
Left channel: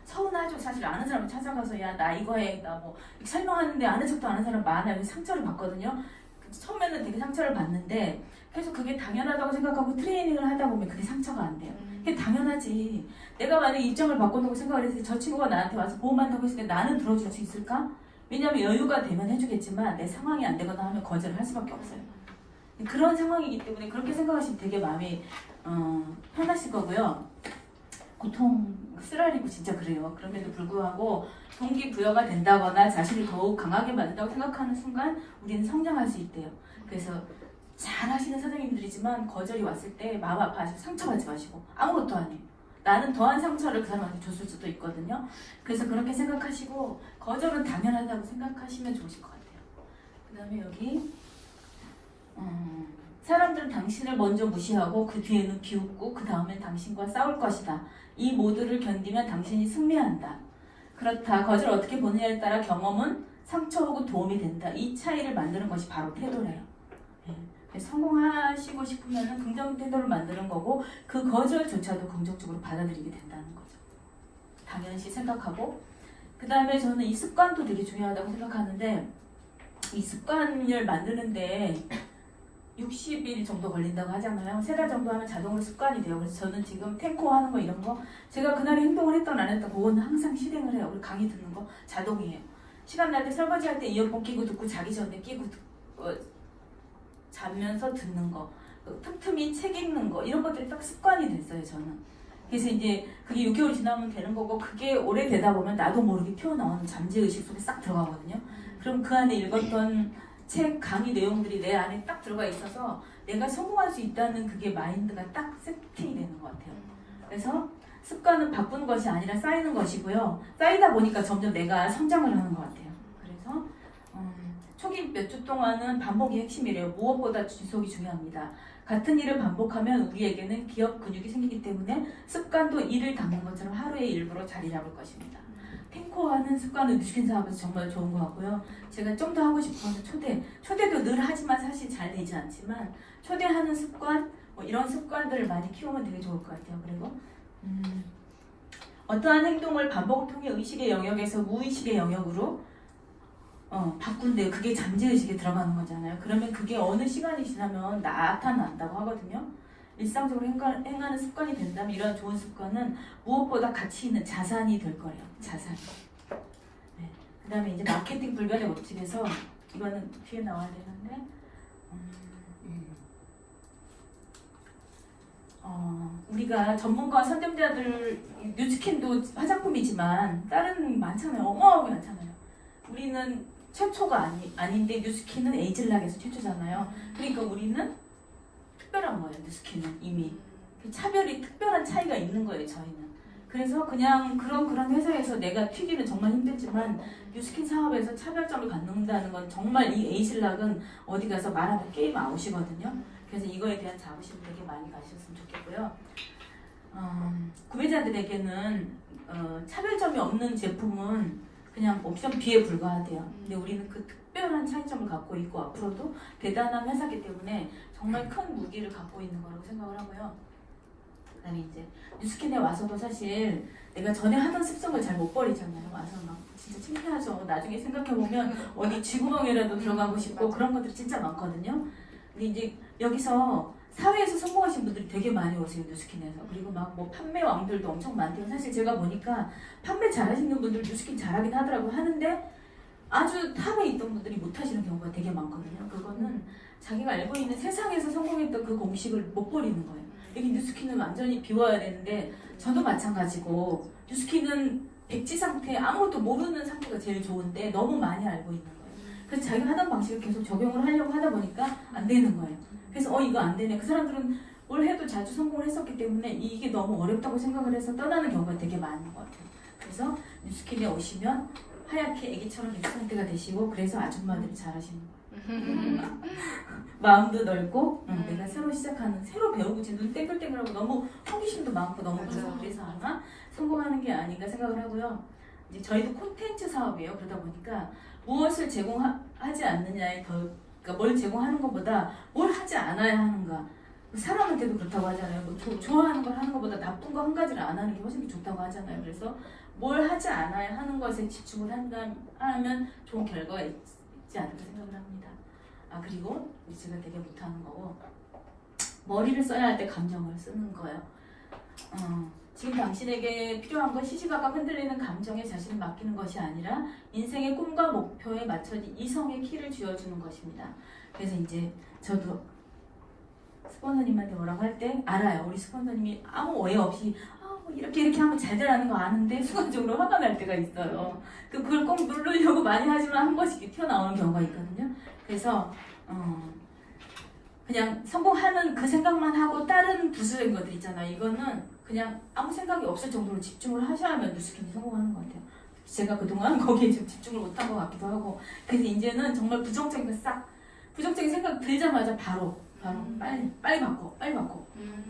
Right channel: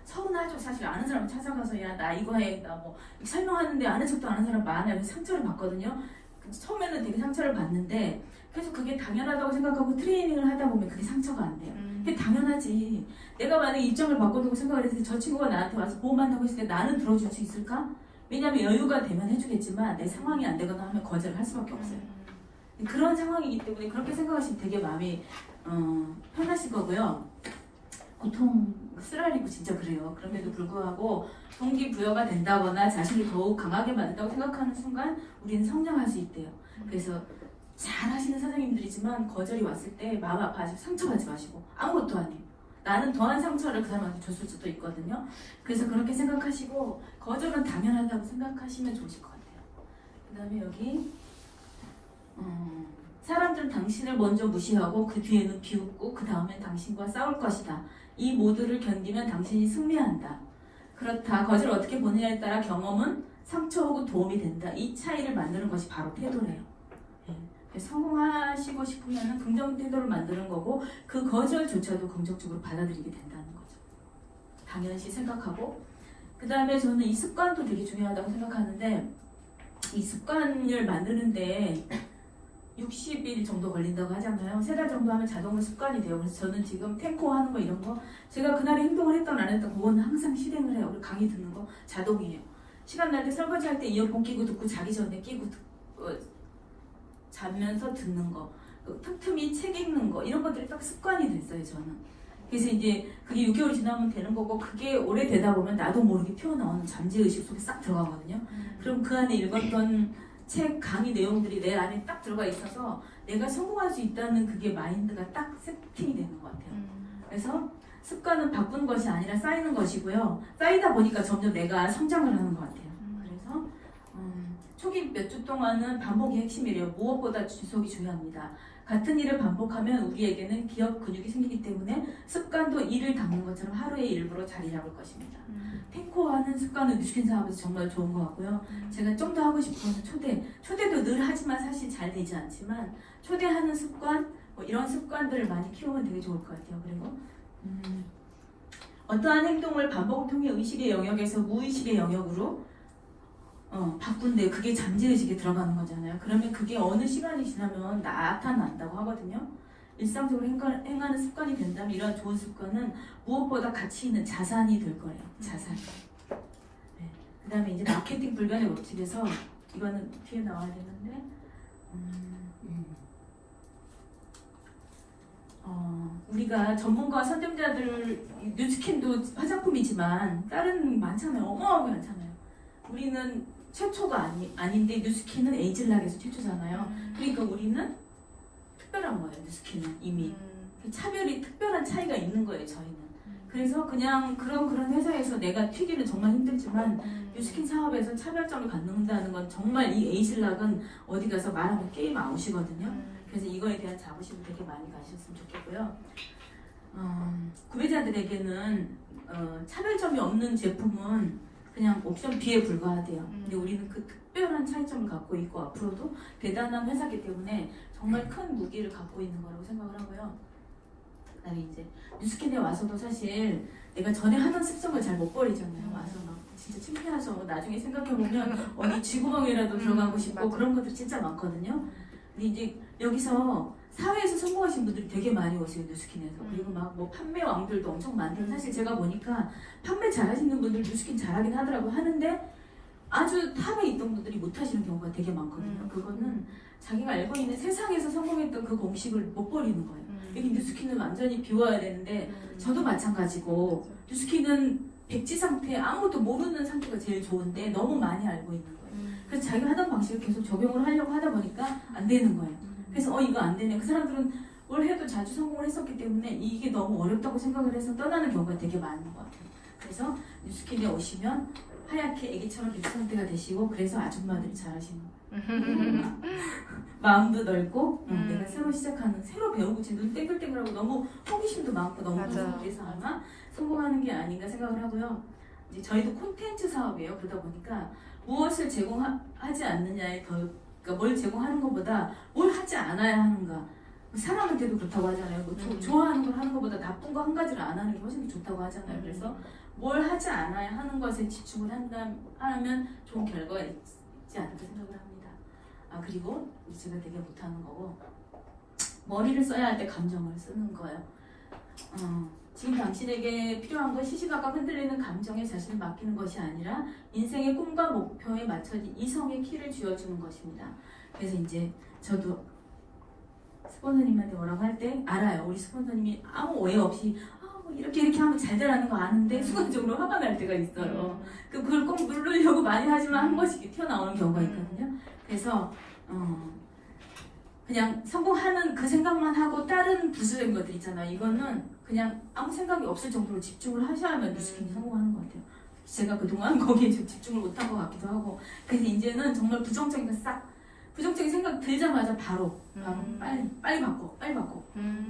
서운하죠. 사실 아는 사람 찾아가서 야 나 이거 해 나 뭐 설명하는데 아는 척도 아는 사람 많아요. 상처를 받거든요. 처음에는 되게 상처를 받는데 계속 그게 당연하다고 생각하고 트레이닝을 하다 보면 그게 상처가 안 돼요. 그게 당연하지. 내가 만약에 입장을 바꿔놓고 생각을 했을 때 저 친구가 나한테 와서 보험한다고 했을 때 나는 들어줄 수 있을까? 왜냐면 여유가 되면 해주겠지만 내 상황이 안 되거나 하면 거절을 할 수밖에 없어요. 그런 상황이기 때문에 그렇게 생각하시면 되게 마음이 편하실 거고요. 고통 쓰라리고 진짜 그래요. 그럼에도 불구하고 동기부여가 된다거나 자신을 더욱 강하게 만든다고 생각하는 순간 우리는 성장할 수 있대요. 그래서 잘 하시는 사장님들이지만 거절이 왔을 때 마음 아파하시고 상처받지 마시고 아무것도 아니에요. 나는 더한 상처를 그 사람한테 줬을 수도 있거든요. 그래서 그렇게 생각하시고 거절은 당연하다고 생각하시면 좋으실 것 같아요. 그 다음에 여기 사람들은 당신을 먼저 무시하고 그 뒤에는 비웃고 그 다음엔 당신과 싸울 것이다. 이 모두를 견디면 당신이 승리한다. 그렇다. 거절을 어떻게 보느냐에 따라 경험은 상처 혹은 도움이 된다. 이 차이를 만드는 것이 바로 태도래요. 네. 성공하시고 싶으면 긍정 태도를 만드는 거고 그 거절조차도 긍정적으로 받아들이게 된다는 거죠. 당연시 생각하고 그 다음에 저는 이 습관도 되게 중요하다고 생각하는데 이 습관을 만드는데 60일 정도 걸린다고 하잖아요. 3달 정도 하면 자동으로 습관이 돼요. 그래서 저는 지금 탱코 하는 거 이런 거 제가 그날에 행동을 했던 안 했던 그거는 항상 실행을 해요. 그리고 강의 듣는 거 자동이에요. 시간 날 때 설거지 할 때 이어폰 끼고 듣고 자기 전에 끼고 듣고 자면서 듣는 거 틈틈이 책 읽는 거 이런 것들이 딱 습관이 됐어요. 저는. 그래서 이제 그게 6개월 지나면 되는 거고 그게 오래 되다 보면 나도 모르게 튀어나오는 잠재의식 속에 싹 들어가거든요. 그럼 그 안에 읽었던 책 강의 내용들이 내 안에 딱 들어가 있어서 내가 성공할 수 있다는 그게 마인드가 딱 세팅이 되는 것 같아요. 그래서 습관은 바꾸는 것이 아니라 쌓이는 것이고요. 쌓이다 보니까 점점 내가 성장을 하는 것 같아요. 그래서 초기 몇 주 동안은 반복이 핵심이래요. 무엇보다 지속이 중요합니다. 같은 일을 반복하면 우리에게는 기억 근육이 생기기 때문에 습관도 이를 닦는 것처럼 하루의 일부로 자리 잡을 것입니다. 탱코하는 습관은 뉴스킨 사업에서 정말 좋은 것 같고요. 제가 좀 더 하고 싶은 초대도 늘 하지만 사실 잘 되지 않지만 초대하는 습관, 뭐 이런 습관들을 많이 키우면 되게 좋을 것 같아요. 그리고 어떠한 행동을 반복을 통해 의식의 영역에서 무의식의 영역으로 바꾼대요. 그게 잠재의식에 들어가는 거잖아요. 그러면 그게 어느 시간이 지나면 나타난다고 하거든요. 일상적으로 행하는 습관이 된다면 이런 좋은 습관은 무엇보다 가치 있는 자산이 될 거예요. 자산. 네. 그 다음에 이제 마케팅 불변의 법칙에서 이거는 뒤에 나와야 되는데 우리가 전문가 선점자들 뉴스킨도 화장품이지만 다른 많잖아요. 어마어마하게 많잖아요. 우리는 최초가 아닌데 뉴스킨은 에이즐락에서 최초잖아요. 그러니까 우리는 특별한 거예요. 뉴스킨은 이미 차별이 특별한 차이가 있는 거예요. 저희는. 그래서 그냥 그런 회사에서 내가 튀기는 정말 힘들지만 뉴스킨 사업에서 차별점을 갖는다는 건 정말 이 에이즐락은 어디 가서 말하면 게임 아웃이거든요. 그래서 이거에 대한 자부심 되게 많이 가셨으면 좋겠고요. 구매자들에게는 차별점이 없는 제품은 그냥 옵션 B에 불과하대요. 근데 우리는 그 특별한 차이점을 갖고 있고 앞으로도 대단한 회사이기 때문에 정말 큰 무기를 갖고 있는 거라고 생각을 하고요. 그다음에 이제 뉴스킨에 와서도 사실 내가 전에 하던 습성을 잘 못 버리잖아요. 와서 막 진짜 창피하죠. 나중에 생각해보면 어디 쥐구멍이라도 들어가고 싶고 그런 것들 진짜 많거든요. 근데 이제 여기서 사회에서 성공하신 분들이 되게 많이 오세요. 뉴스킨에서. 그리고 막 뭐 판매 왕들도 엄청 많대요. 사실 제가 보니까 판매 잘하시는 분들 뉴스킨 잘하긴 하더라고 하는데 아주 탑에 있던 분들이 못하시는 경우가 되게 많거든요. 그거는 자기가 알고 있는 세상에서 성공했던 그 공식을 못 버리는 거예요. 여기 뉴스킨은 완전히 비워야 되는데 저도 마찬가지고 뉴스킨은 백지 상태 아무것도 모르는 상태가 제일 좋은데 너무 많이 알고 있는 거예요. 그래서 자기가 하던 방식을 계속 적용을 하려고 하다 보니까 안 되는 거예요. 그래서 이거 안 되네. 그 사람들은 뭘 해도 자주 성공을 했었기 때문에 이게 너무 어렵다고 생각을 해서 떠나는 경우가 되게 많은 것 같아요. 그래서 뉴스킨에 오시면 하얗게 애기처럼 육상태가 되시고 그래서 아줌마들이 잘하시는 거예요. 마음도 넓고 내가 새로 시작하는 새로 배우고 지금 눈 땡글땡글하고 너무 호기심도 많고 너무 그래서 아마 성공하는 게 아닌가 생각을 하고요. 이제 저희도 콘텐츠 사업이에요. 그러다 보니까 무엇을 제공하지 않느냐에 더 그러니까 뭘 제공하는 것보다 뭘 하지 않아야 하는가. 사람한테도 그렇다고 하잖아요. 뭐 좋아하는 걸 하는 것보다 나쁜 거 한 가지를 안 하는 게 훨씬 좋다고 하잖아요. 그래서 뭘 하지 않아야 하는 것에 집중을 하면 좋은 결과가 있지 않을까 생각을 합니다. 그리고 제가 되게 못하는 거고 머리를 써야 할 때 감정을 쓰는 거예요. 지금 당신에게 필요한 건 시시각각 흔들리는 감정에 자신을 맡기는 것이 아니라 인생의 꿈과 목표에 맞춰진 이성의 키를 쥐어주는 것입니다. 그래서 이제 저도 스폰서님한테 뭐라고 할 때 알아요. 우리 스폰서님이 아무 오해 없이 뭐 이렇게 하면 잘 되라는 거 아는데 순간적으로 화가 날 때가 있어요. 그걸 꼭 누르려고 많이 하지만 한 번씩 튀어나오는 경우가 있거든요. 그래서 그냥 성공하는 그 생각만 하고 다른 부수적인 것들 있잖아요. 이거는 그냥 아무 생각이 없을 정도로 집중을 하셔야만 뉴스킨이 성공하는 것 같아요. 제가 그동안 거기에 좀 집중을 못한 것 같기도 하고 그래서 이제는 정말 부정적인 생각 들자마자 바로 빨리 바꿔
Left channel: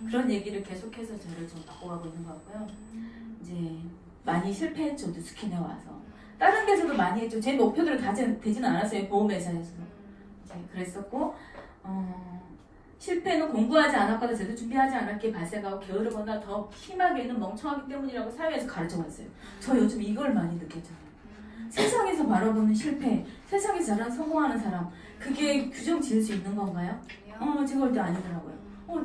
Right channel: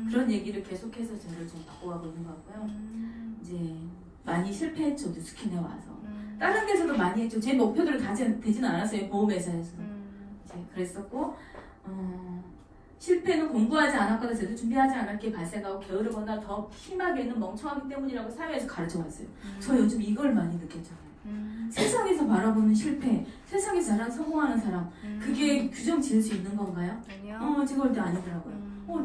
그런 얘기를 계속해서 저를 좀 바꿔가고 있는 것 같고요. 이제 많이 실패했죠. 뉴스킨에 와서 다른 데서도 많이 했죠. 제 목표들을 다 되지는 않았어요. 보험회사에서 이제 그랬었고 실패는 공부하지 않았거나 제대로 준비하지 않았기에 발생하고 게으르거나 더 심하게는 멍청하기 때문이라고 사회에서 가르쳐왔어요. 저 요즘 이걸 많이 느꼈잖아요. 세상에서 바라보는 실패, 세상에서 잘한 성공하는 사람, 그게 규정 지을 수 있는 건가요? 아니요. 제가 볼 때 아니더라고요.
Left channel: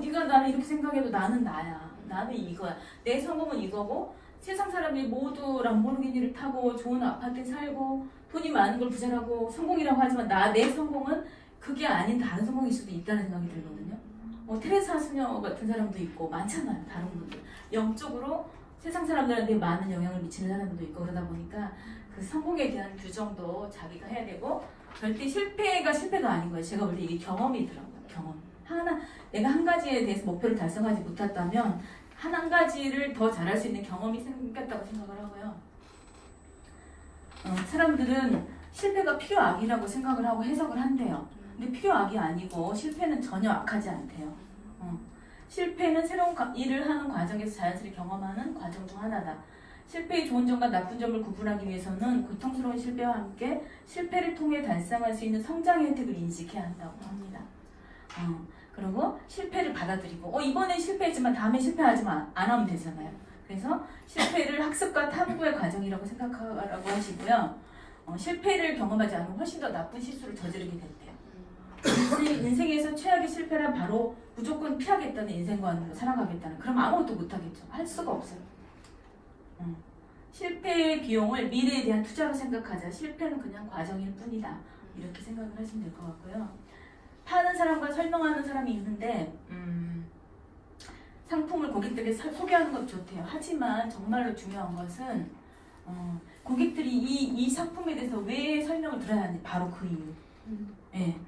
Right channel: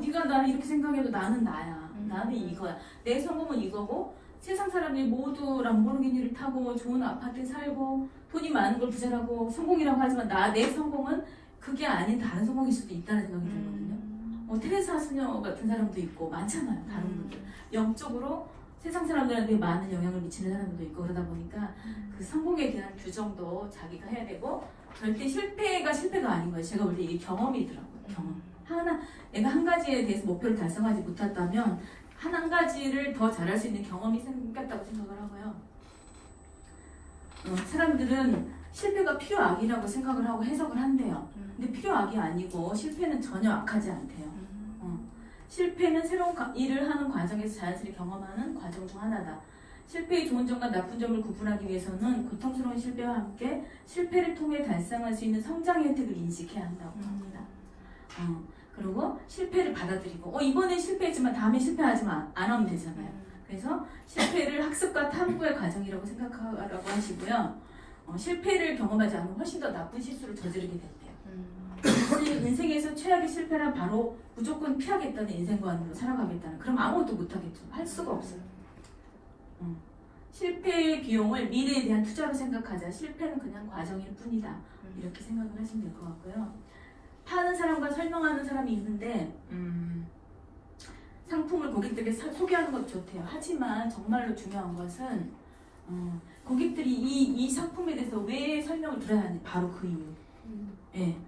네가 나를 이렇게 생각해도 나는 나야. 나는 이거야. 내 성공은 이거고, 세상 사람이 모두 람보르기니를 타고 좋은 아파트에 살고 돈이 많은 걸 부자라고 성공이라고 하지만 내 성공은 그게 아닌 다른 성공일 수도 있다는 생각이 들거든요. 테레사 수녀 같은 사람도 있고 많잖아요. 다른 분들. 영적으로 세상 사람들한테 많은 영향을 미치는 사람도 있고 그러다 보니까 그 성공에 대한 규정도 자기가 해야 되고 절대 실패가 아닌 거예요. 제가 볼 때 이게 경험이더라고요. 경험. 내가 한 가지에 대해서 목표를 달성하지 못했다면 한 가지를 더 잘할 수 있는 경험이 생겼다고 생각을 하고요. 사람들은 실패가 필요악이라고 생각을 하고 해석을 한대요. 근데 필요악이 아니고 실패는 전혀 악하지 않대요. 실패는 새로운 일을 하는 과정에서 자연스레 경험하는 과정 중 하나다. 실패의 좋은 점과 나쁜 점을 구분하기 위해서는 고통스러운 실패와 함께 실패를 통해 달성할 수 있는 성장의 혜택을 인식해야 한다고 합니다. 그리고 실패를 받아들이고 이번에 실패했지만 다음에 실패하지만 안 하면 되잖아요. 그래서 실패를 학습과 탐구의 과정이라고 생각하라고 하시고요. 실패를 경험하지 않으면 훨씬 더 나쁜 실수를 저지르게 된대요. 인생에서 최악의 실패란 바로 무조건 피하겠다는 인생관으로 살아가겠다는, 그럼 아무것도 못하겠죠. 할 수가 없어요. 실패의 비용을 미래에 대한 투자로 생각하자. 실패는 그냥 과정일 뿐이다. 이렇게 생각을 하시면 될 것 같고요. 파는 사람과 설명하는 사람이 있는데 상품을 고객들에게 소개하는 것도 좋대요. 하지만 정말로 중요한 것은 고객들이 이 상품에 대해서 왜 설명을 들어야 하는지 바로 그 이유. 예.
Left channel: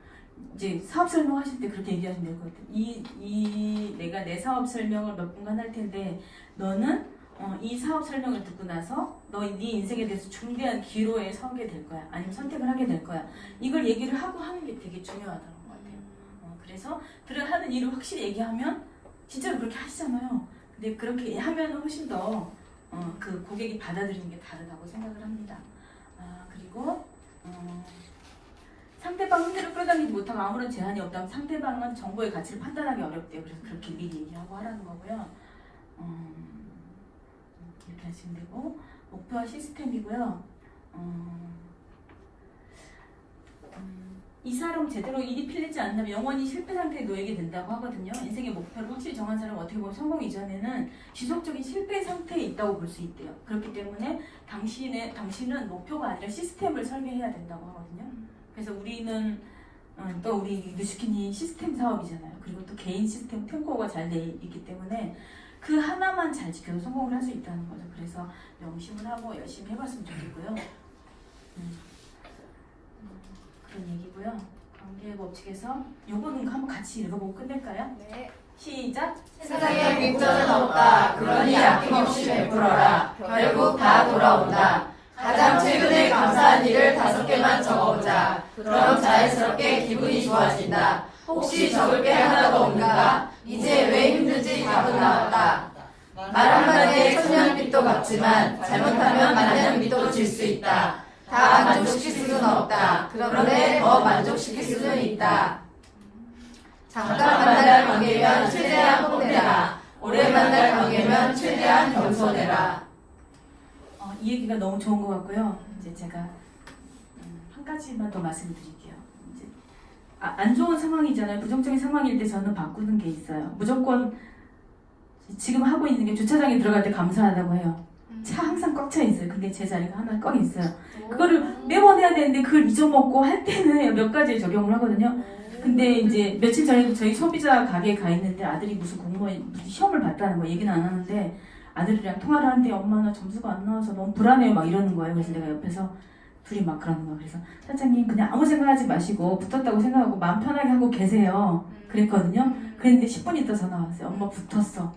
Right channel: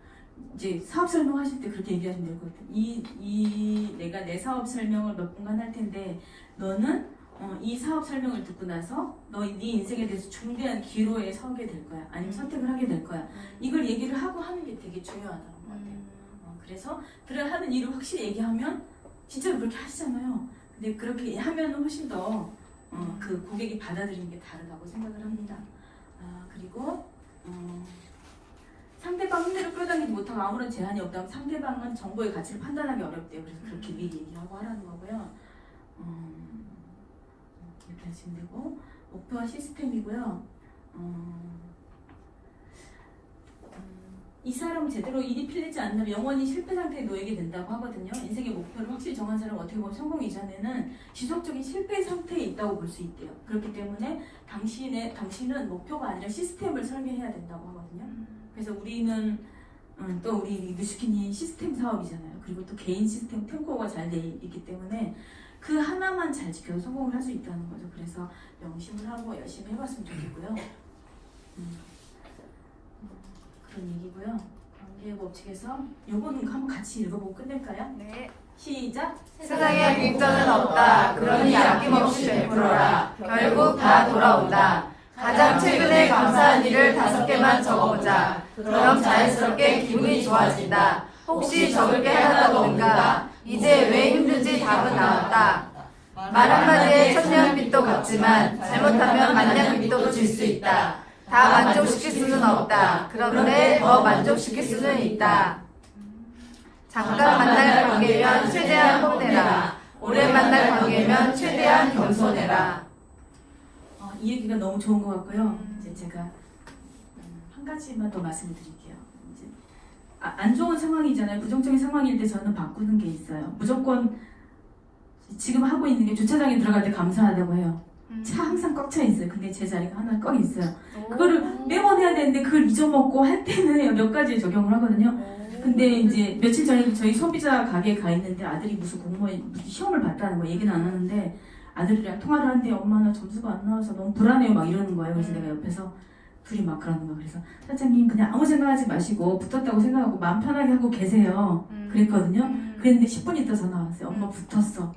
이제 사업 설명하실 때 그렇게 얘기하시면 될 것 같아요. 내가 내 사업 설명을 몇 분간 할 텐데 너는 이 사업 설명을 듣고 나서 네 인생에 대해서 중대한 기로에 서게 될 거야. 아니면 선택을 하게 될 거야. 이걸 얘기를 하고 하는 게 되게 중요하다는 것 같아요. 그래서 그래 하는 일을 확실히 얘기하면 진짜로 그렇게 하시잖아요. 근데 그렇게 하면 훨씬 더 그 고객이 받아들이는 게 다르다고 생각을 합니다. 그리고 상대방 흥미를 끌어당기지 못하고 아무런 제한이 없다면 상대방은 정보의 가치를 판단하기 어렵대요. 그래서 그렇게 미리 얘기하고 하라는 거고요. 이렇게 하시면 되고, 목표와 시스템이고요. 이 사람은 제대로 일이 풀리지 않으면 영원히 실패 상태에 놓이게 된다고 하거든요. 인생의 목표를 확실히 정한 사람은 어떻게 보면 성공 이전에는 지속적인 실패 상태에 있다고 볼 수 있대요. 그렇기 때문에 당신은 목표가 아니라 시스템을 설계해야 된다고 하거든요. 그래서 우리는 또 우리 누슈킨이 시스템 사업이잖아요. 그리고 또 개인 시스템 템코가 잘 돼 있기 때문에 그 하나만 잘 지켜서 성공을 할 수 있다는 거죠. 그래서 명심을 하고 열심히 해봤으면 좋겠고요. 그런 얘기고요. 관계 법칙에서 요거는 한번 같이 읽어보고 끝낼까요? 네. 시작! 세상에 빈전은 없다. 그러니 아낌없이 베풀어라. 결국 다 돌아온다. 가장 최근에 감사한 일을 5개만 적어보자. 그럼 자연스럽게 기분이 좋아진다. 혹시 적을 게 하나도 없는가? 이제 왜 힘든지 답은 나왔다. 말 한마디에 천냥빚도 갚지만 잘못하면 만냥빚도 질 수 있다. 다 만족시킬 수는 없다. 그런데 더 만족시킬 수는 있다. 잠깐 만날 관계면 최대한 혼내라. 오래 만날 관계면 최대한 겸손해라. 이 얘기가 너무 좋은 것 같고요. 이제 제가 한 가지만 더 말씀드릴게요. 이제 안 좋은 상황이잖아요. 부정적인 상황일 때 저는 바꾸는 게 있어요. 무조건 지금 하고 있는 게 주차장에 들어갈 때 감사하다고 해요. 차 항상 꽉 차 있어요. 근데 제 자리가 하나 꽉 있어요. 그거를 매번 해야 되는데 그걸 잊어먹고 할 때는 몇 가지 적용을 하거든요. 근데 이제 며칠 전에도 저희 소비자 가게에 가 있는데 아들이 무슨 공무원 시험을 봤다는 거 얘기는 안 하는데 아들이랑 통화를 하는데 엄마 나 점수가 안 나와서 너무 불안해요 막 이러는 거예요. 그래서 내가 옆에서 둘이 막 그러는 거예요. 그래서 사장님 그냥 아무 생각하지 마시고 붙었다고 생각하고 마음 편하게 하고 계세요. 그랬거든요. 그랬는데 10분 있다 전화 왔어요. 엄마 붙었어.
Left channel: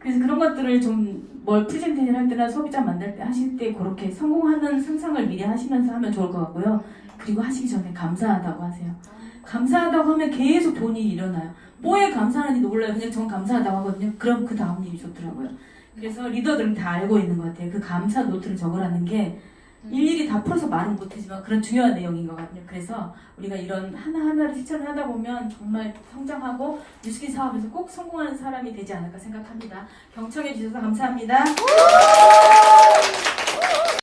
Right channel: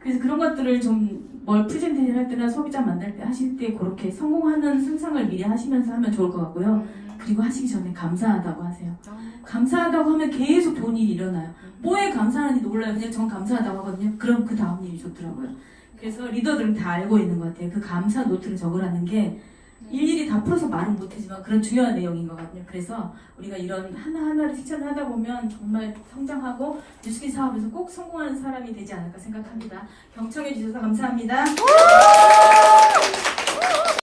그래서 그런 것들을 좀 뭘 프레젠테이션 할 때나 소비자 만날 때 하실 때 그렇게 성공하는 상상을 미리 하시면서 하면 좋을 것 같고요. 그리고 하시기 전에 감사하다고 하세요. 감사하다고 하면 계속 좋은 일이 일어나요. 뭐에 감사하는지도 몰라요. 그냥 전 감사하다고 하거든요. 그럼 그 다음 일이 좋더라고요. 그래서 리더들은 다 알고 있는 것 같아요. 그 감사 노트를 적으라는 게 일일이 다 풀어서 말은 못하지만 그런 중요한 내용인 것 같아요. 그래서 우리가 이런 하나하나를 실천을 하다 보면 정말 성장하고 뉴스킨 사업에서 꼭 성공하는 사람이 되지 않을까 생각합니다. 경청해 주셔서 감사합니다.